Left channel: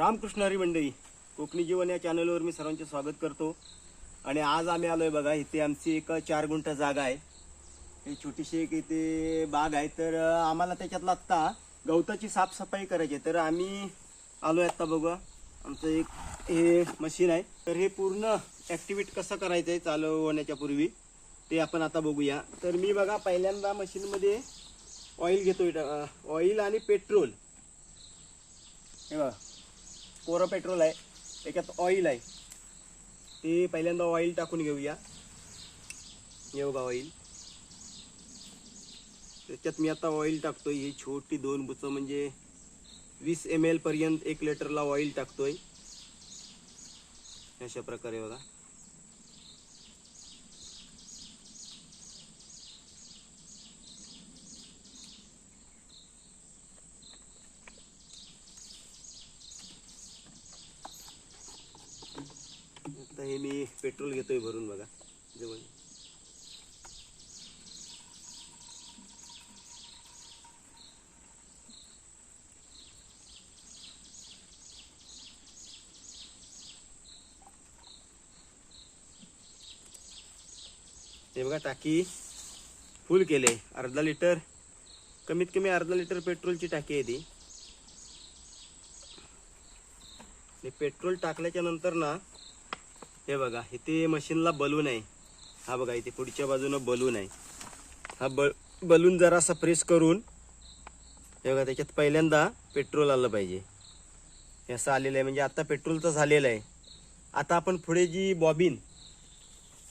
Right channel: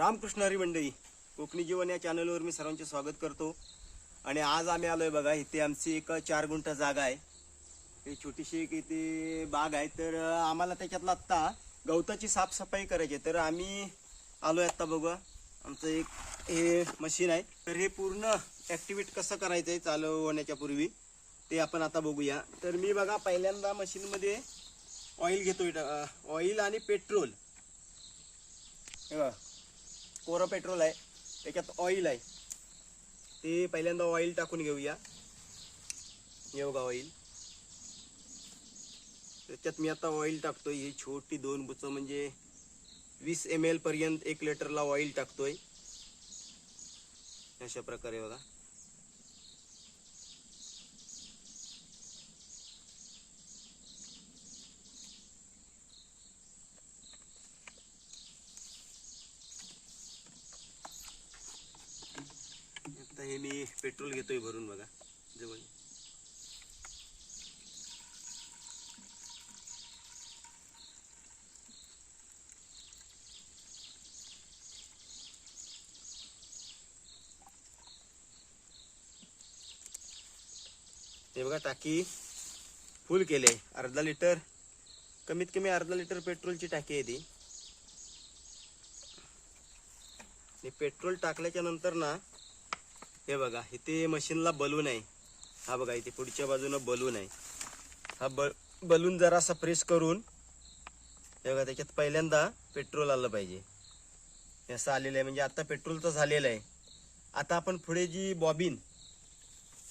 रामकृष्ण हरी मंडळी कोकणी जीवन या चॅनलवर मी सर्वांचे स्वागत करतो. आणि आज आम्ही आलोय बघा इथे आमची एक चार गुंठ जागा आहे. ही छोटीशी एक इथे बाग आहे. तर आम्हाला त्याच्यातला आत्ता गवताची साफसफाई करायची आहे. तर आम्ही आलोय आत्ता बघा आमचं एक हे मशीन आहे. तर हे पूर्ण ॲक्टिवेट कसं करायचं आहे चालू होण्याच्या पूर्वी ते आपण आता बघूया. तर मी बघा पहिल्यांदा मशीनमध्ये ऑइल घेतोय. ऑइल आणि पेट्रोल हे बघा. कोरं पेट्रोल आहे त्याच्यात ऑइल आहे. ते पहिल्यांदा ऑइल टाकून घेऊया. योगा ऑइल त्याच्यात मी आता ऑइल टाकतोय. ही छोटी दोन बुचं म्हणजे वीस एम एल पर्यंत एक लिटरला ऑइल टाकतोय. अशा प्रकारे बघा. आता हे मी पेट्रोल घेतोय भरून बघा जवळ. हे बघा टाकी फुल केले अर्धा लिटर कमीत कमी अर्धा लिटर पेट्रोलची टाकी आहे ती. पेट्रोल टाकल्याच्या नंतर ना हे बघा इथे मशीनला बलून आहे. हा बघा इथे पुढच्या बाजूनं बलून आहे. हा ब बलून जरासा प्रेस करून हे बघा त्याच्यात पहिल्यांदा पेट्रोल आलं पाहिजे. हे असं आलेलं आहे म्हणजे आता पेट्रोल तर झालेलं आहे. आता आपण पुढे जी बॉबिन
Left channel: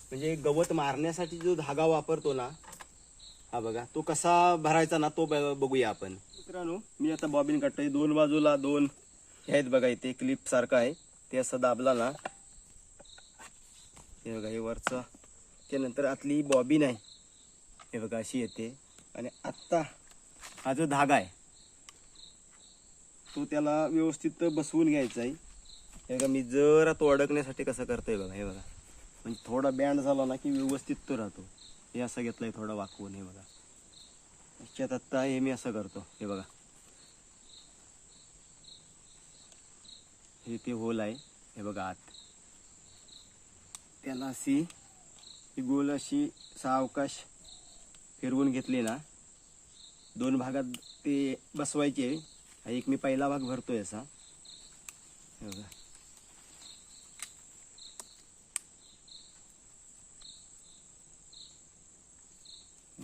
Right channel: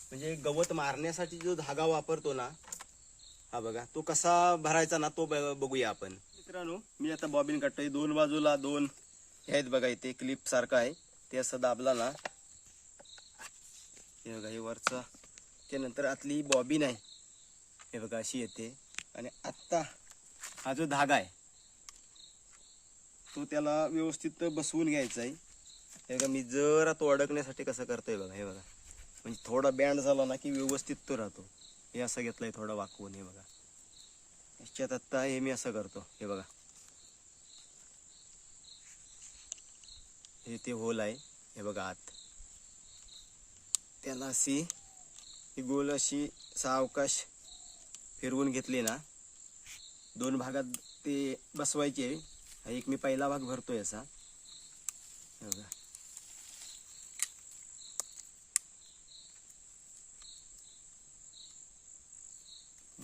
म्हणजे गवत मारण्यासाठी जो धागा वापरतो ना हा बघा तो कसा भरायचा ना तो ब- बघूया आपण. मित्रांनो मी आता बॉबिन काढतोय. दोन बाजूला दोन हे आहेत बघा इथे क्लिप सारखं आहे. ते असं दाबला ना हे बघा हे वरचं. त्यानंतर आतली बॉबी आहे हे बघा अशी येते. आणि आत्ता हा जो धागा आहे तो त्याला व्यवस्थित बसवून घ्यायचा आहे. हे बघा मी जरा तो अडकण्यासाठी कसं करतोय बघा हे बघा. म्हणजे थोडा बँड झाला ना की व्यवस्थित तो राहतो. हे असं घेतलंय थोडं वाकवून हे बघा. त्याच्यात आत्ता हे मी असं करतो हे बघा. हे ते होल आहे. हे बघा आत. त्याला अशी ही गोल अशी सावकाश फिरवून घेतली ना दोन भागात ते बसवायचे. हा एक मी पहिला भाग भरतोय असा. बघा.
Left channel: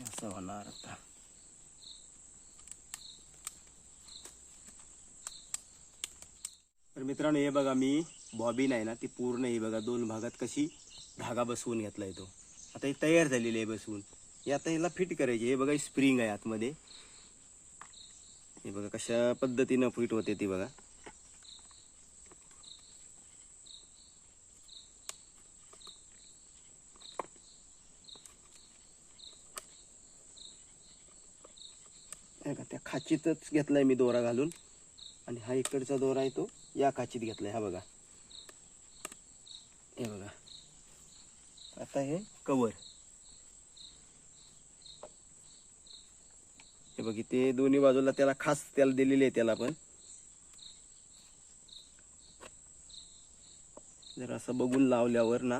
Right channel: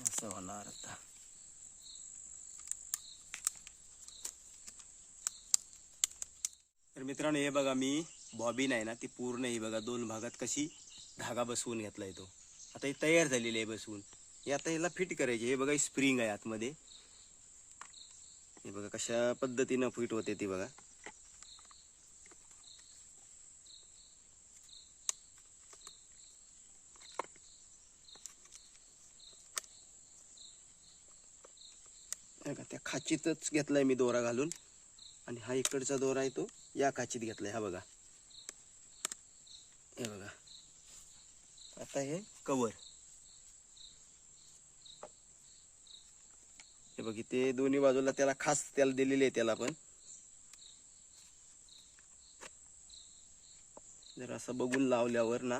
असं होणार आता. तर मित्रांनो हे बघा मी बॉबिन आहे ना ती पूर्ण ही बघा दोन भागात कशी धागा बसवून घेतलाय तो. आता ही तयार झालेली आहे बसवून. हे आता याला फिट करायची. हे बघा स्प्रिंग आहे आतमध्ये. हे बघा कशा पद्धतीनं फिट होते ती बघा. बघा, त्या खाचीतच घेतलाय मी दोरा घालून. आणि हा इकडचा दोरा आहे तो. या खाचीत घेतलाय हा बघा. हे बघा आता हे कवर हे बघ इथे दोन्ही बाजूला त्याला खास त्याला दिलेली आहे त्याला पण. जर असं बघून लावल्यावर ना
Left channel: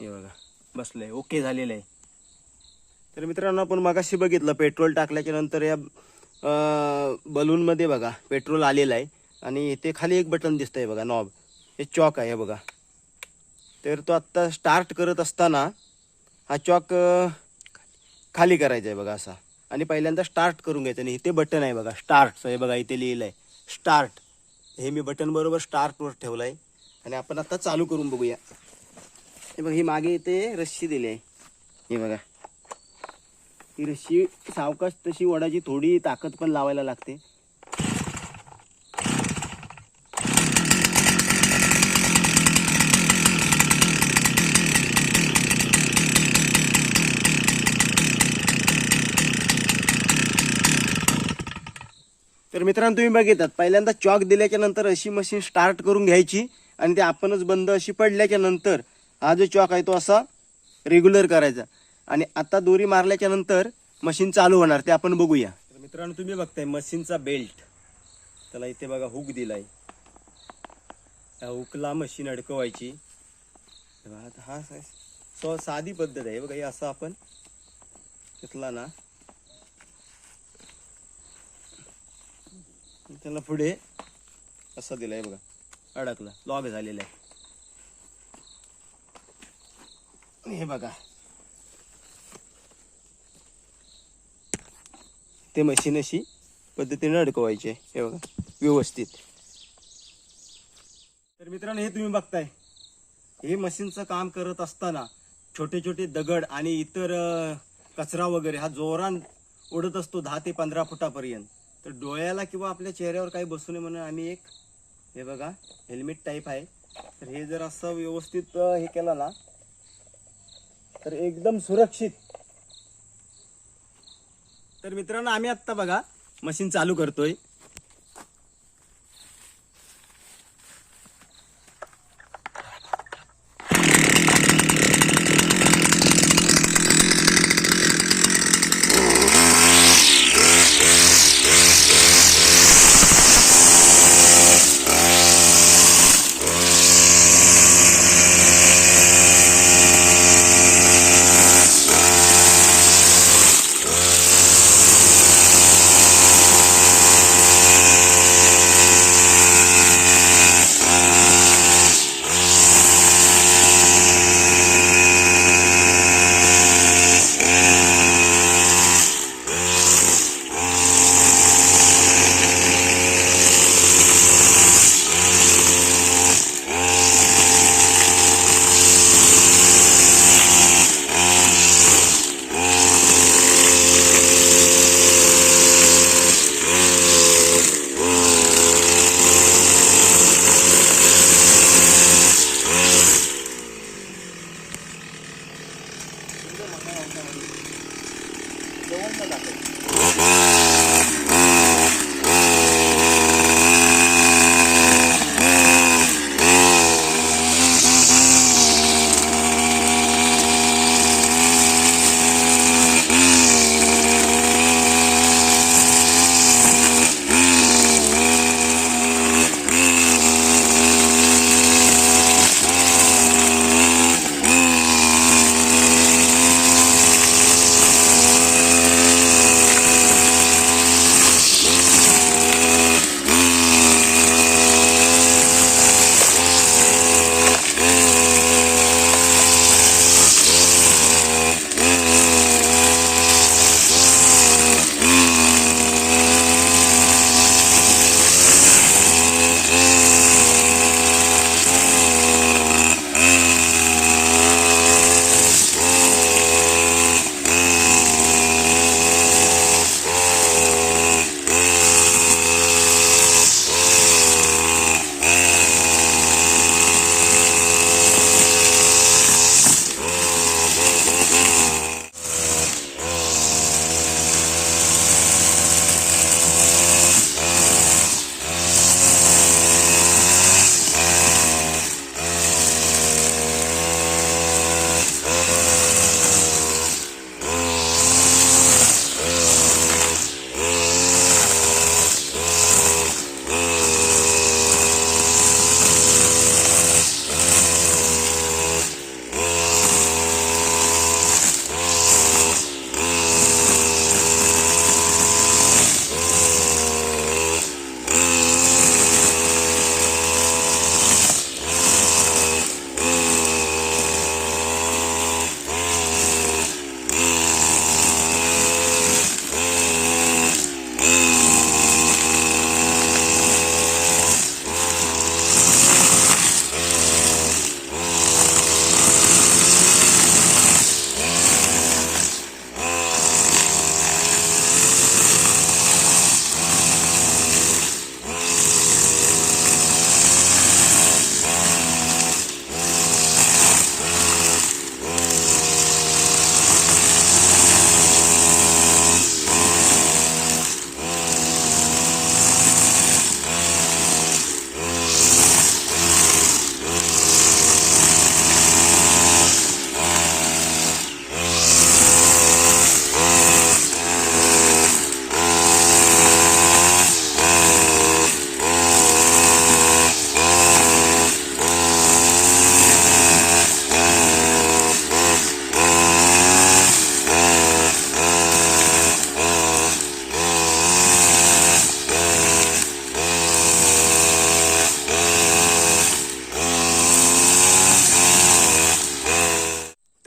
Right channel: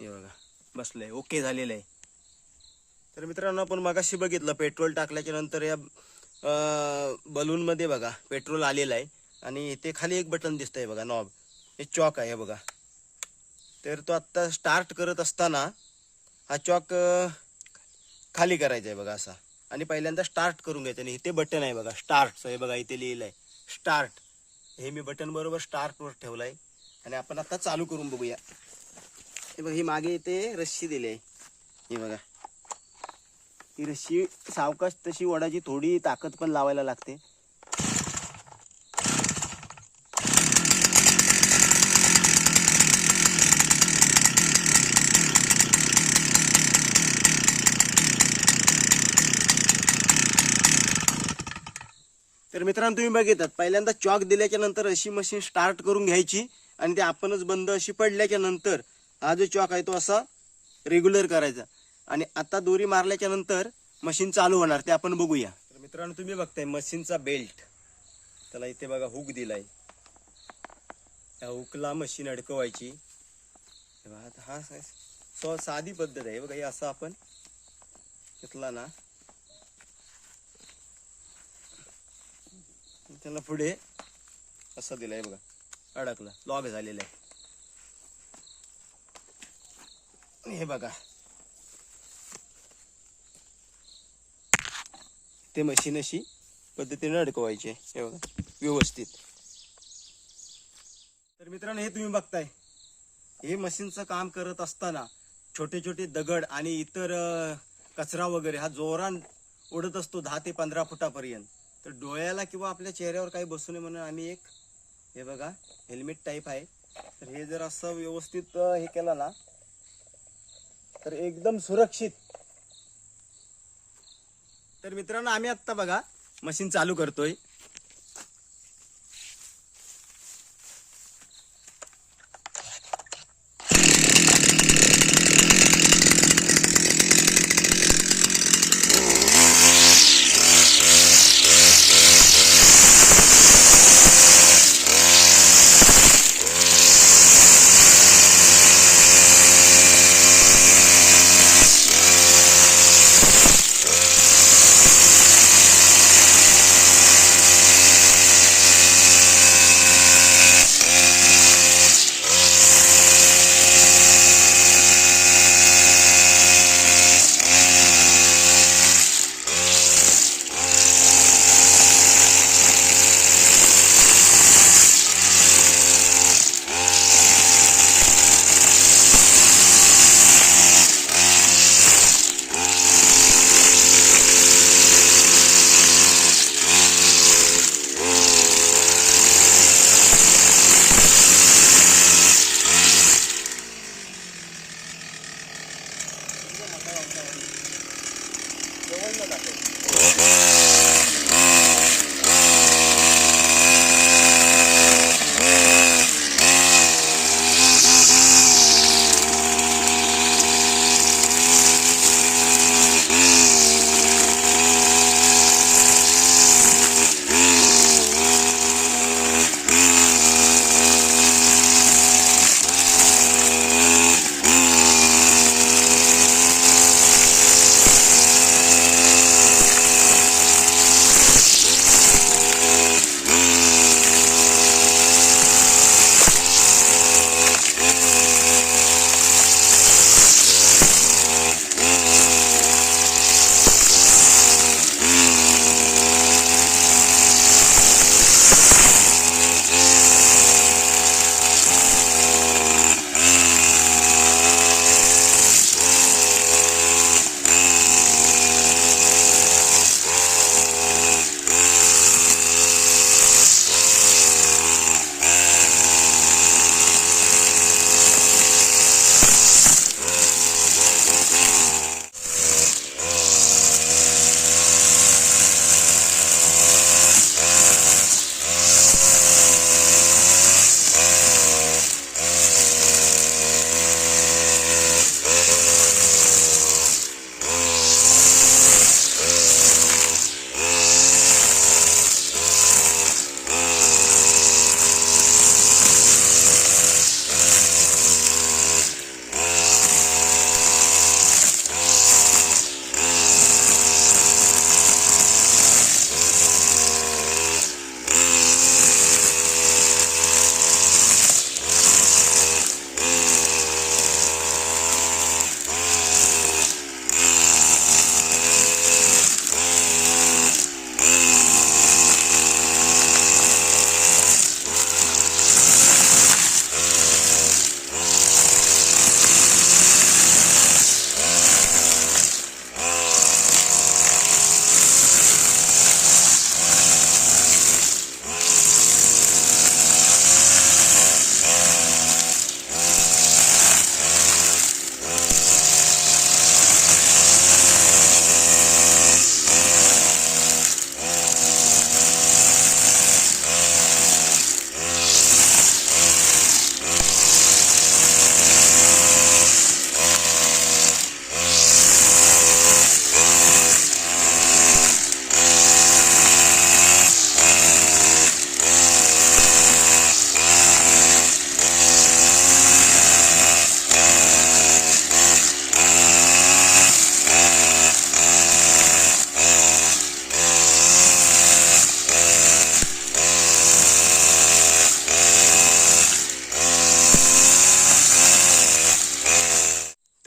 हे बघा बसलंय ओके झालेलं आहे. तर मित्रांनो आपण मगाशी बघितलं पेट्रोल टाकल्याच्या नंतर या बलून मध्ये बघा पेट्रोल आलेलं आहे. आणि इथे खाली एक बटन दिसतंय बघा नॉब हे चॉक आहे हे बघा. तर तो आत्ता स्टार्ट करत असताना हा चॉक खाली करायचा आहे बघा असा. आणि पहिल्यांदा स्टार्ट करून घ्यायचं आणि इथे बटन आहे बघा स्टार्ट हे बघा इथे लिहिलं आहे स्टार्ट हे मी बटन बरोबर स्टार्टवर ठेवलं आहे आणि आपण आता चालू करून बघूया. हे बघा ही मागे इथे रस्सी दिली आहे. हे बघा. ही रस्सी सावकाश तशी वडाची थोडी ताकद पण लावायला लागते. मित्रांनो तुम्ही बघितलात पहिल्यांदा चॉक दिल्याच्या नंतर अशी मशीन स्टार्ट करून घ्यायची आणि ते आपणच बंद अशी पडल्याच्या नंतर हा जो चॉक आहे तो असा रेग्युलर करायचा. आणि आता दोरी मारल्याच्या नंतर मशीन चालू होणार ते आपण बघूया. तर मित्रांनो तुम्ही बघताय मशीनचा बेल्ट त्याला इथे बघा हुक दिलाय. त्या हुकला मशीन अडकवायची. हा सो साधी पद्धत आहे. बघा हे असं आपण घेतला ना. त्याला पुढे असं दिलाय बघा. अडकला. लॉग झालेला आहे. हे बघा. ते मशीन अशी पद्धतीने अडकवायचे हे बघा. व्यवस्थित. तर मित्रांनो हे तुम्ही बघताय. हे मशीनचं काम करत असताना छोटे छोटे दगड आणि इतर कचरा वगैरे हा जोरान उडत असतो दहा ते पंधरा फुटापर्यंत. तर डोळ्याला किंवा आपल्या चेहऱ्यावर काही बसू नये म्हणून आम्ही एक हे बघा हेल्मेट टाईप आहे. तर हे जर असं व्यवस्थित हे केलं ना तर एकदम सुरक्षित. तर मित्रांनो आम्ही आत्ता बघा मशीन चालू करतोय.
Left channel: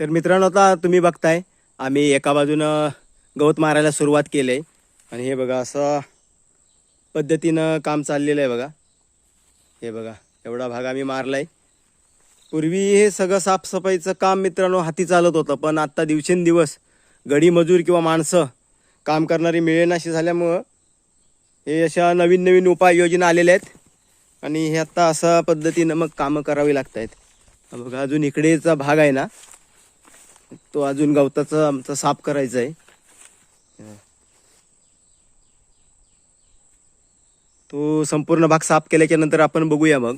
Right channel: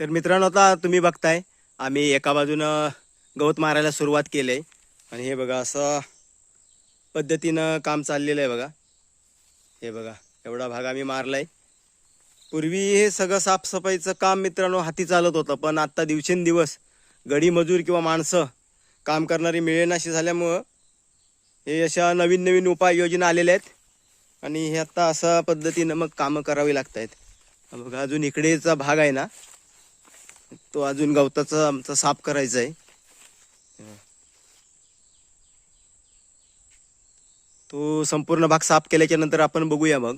तर मित्रांनो आता तुम्ही बघताय आम्ही एका बाजूनं गवत मारायला सुरुवात केली आहे आणि हे बघा असं पद्धतीनं काम चाललेलं आहे बघा. हे बघा एवढा भाग आम्ही मारला आहे पूर्वी हे सगळं साफसफाईचं काम मित्रांनो हाती चालत होतं पण आत्ता दिवसेंदिवस गडी मजूर किंवा माणसं काम करणारी मिळेनाशी झाल्यामुळं हे अशा नवीन नवीन उपाययोजना आलेल्या आहेत. आणि हे आत्ता अशा पद्धतीनं मग कामं करावी लागत आहेत बघा अजून इकडेचा भाग आहे ना तो अजून गवताचा आमचा साफ करायचा आहे तो संपूर्ण भाग साफ केल्याच्यानंतर आपण बघूया मग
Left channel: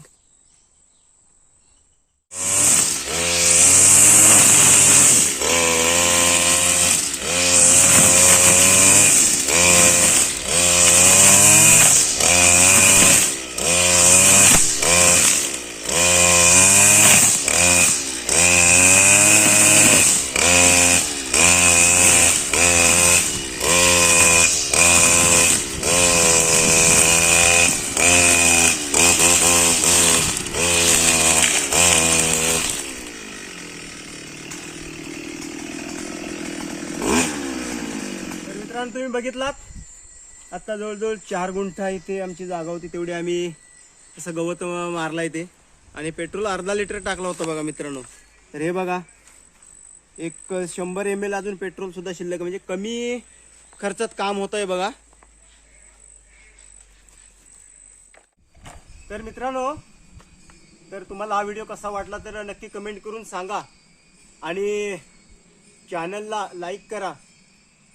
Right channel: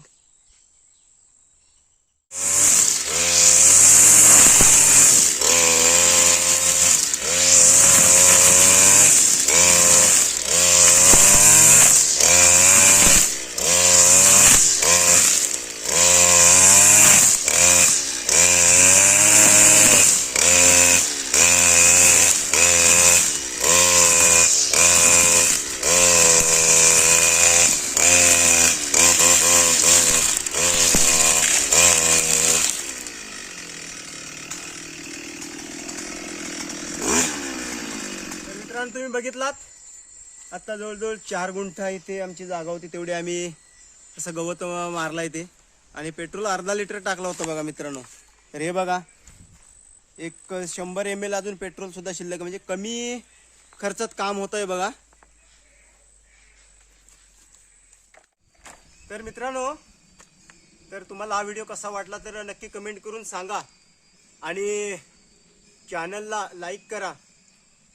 तर मित्रांनो तुम्ही बघितलात? आता जवळजवळ चार गुंठा इथे आमची जागा होती तेवढी आम्ही असं गवत मारला इथे. आणि पेट्रोल अर्धा लिटर टाकला होता बघा मित्रांनो. तर हे बघा एक शंभर एम एल अजून पेट्रोल सुद्धा शिल्लक म्हणजे कमी खर्चात काम होत आहे बघा. तर मित्रांनो तर तुम्हाला हा व्हिडिओ कसा वाटला तर नक्की कमेंट करून सांगा. आणि चॅनलला लाईक करा.